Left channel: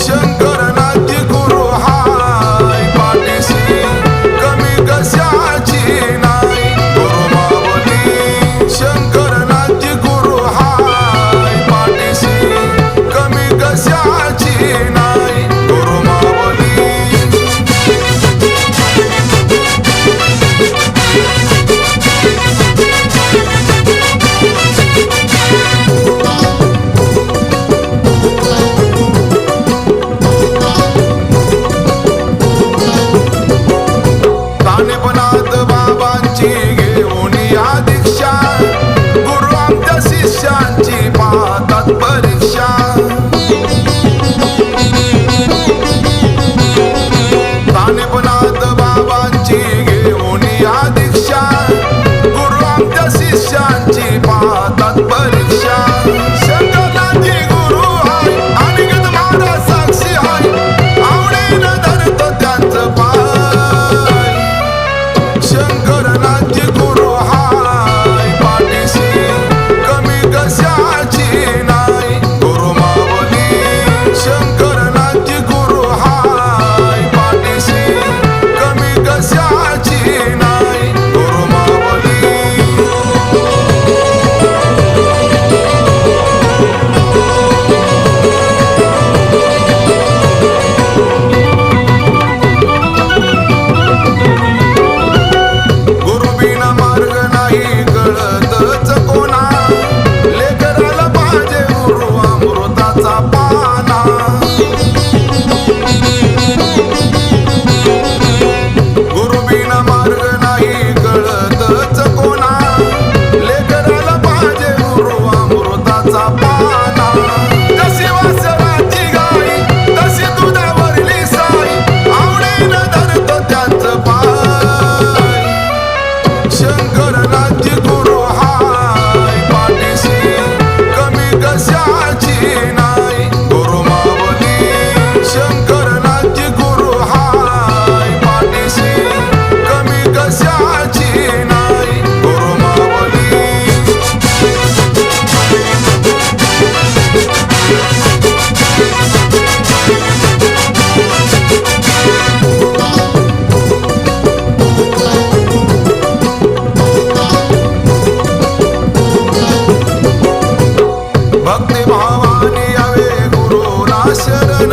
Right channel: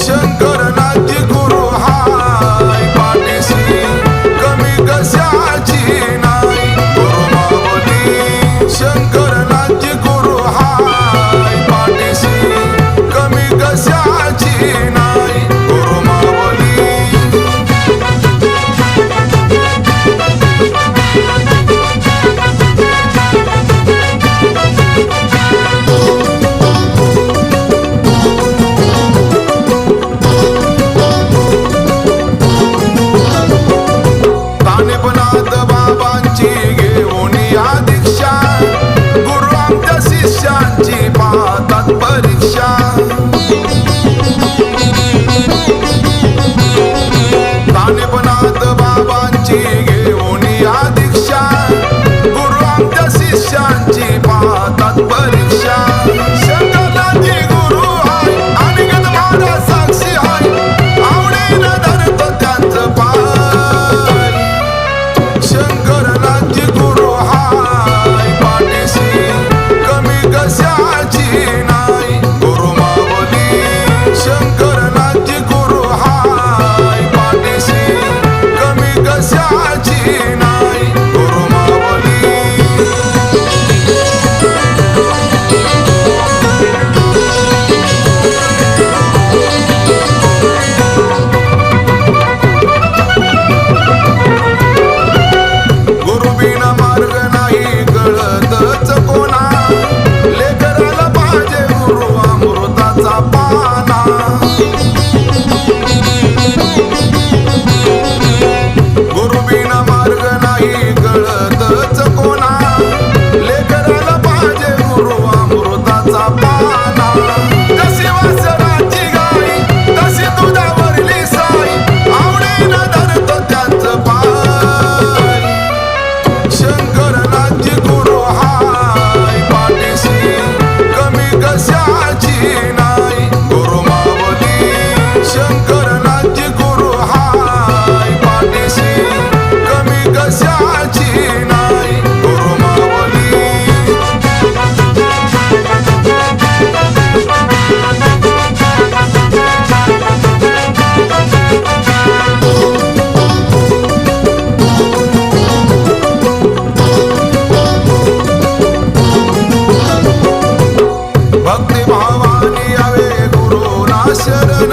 शंकरनाथ गुरु हाय पाठीशी, कमी कशाची नाही गुरु माऊली। शंकरनाथ गुरु हाय पाठीशी, कमी कशाची नाही गुरु माऊली। तानेपनाथ बाबांची घेऊन या दीक्षा, गुरु आमच्या शिष्यांची पाहतात परीक्षा। तानेपनाथ बाबांची घेऊन या दीक्षा, गुरु आमच्या शिष्यांची पाहतात परीक्षा। शंकरनाथजी गुरु हाय आणि गद महाराज साक्षी हाय, आवडीनं धरतो त्यांचं पाय। शंकरनाथ गुरु हाय पाठीशी, कमी कशाची नाही गुरु माऊली। शंकरनाथ गुरु हाय पाठीशी, कमी कशाची नाही गुरु माऊली। गुरु बिना मार्ग नाही कळतच कोणा, लेकराला पाहिजे गुरु अमृताचा पाना। गुरु बिना मार्ग नाही कळतच कोणा, लेकराला पाहिजे गुरु अमृताचा पाना। जशी वासराची गाई तशी दुधावरली साई, आवडीनं धरतो त्यांचं पाय। शंकरनाथ गुरु हाय पाठीशी, कमी कशाची नाही गुरु माऊली। शंकरनाथ गुरु हाय पाठीशी, कमी कशाची नाही गुरु माऊली। भक्ती भावाने यावे गुरुला शरण,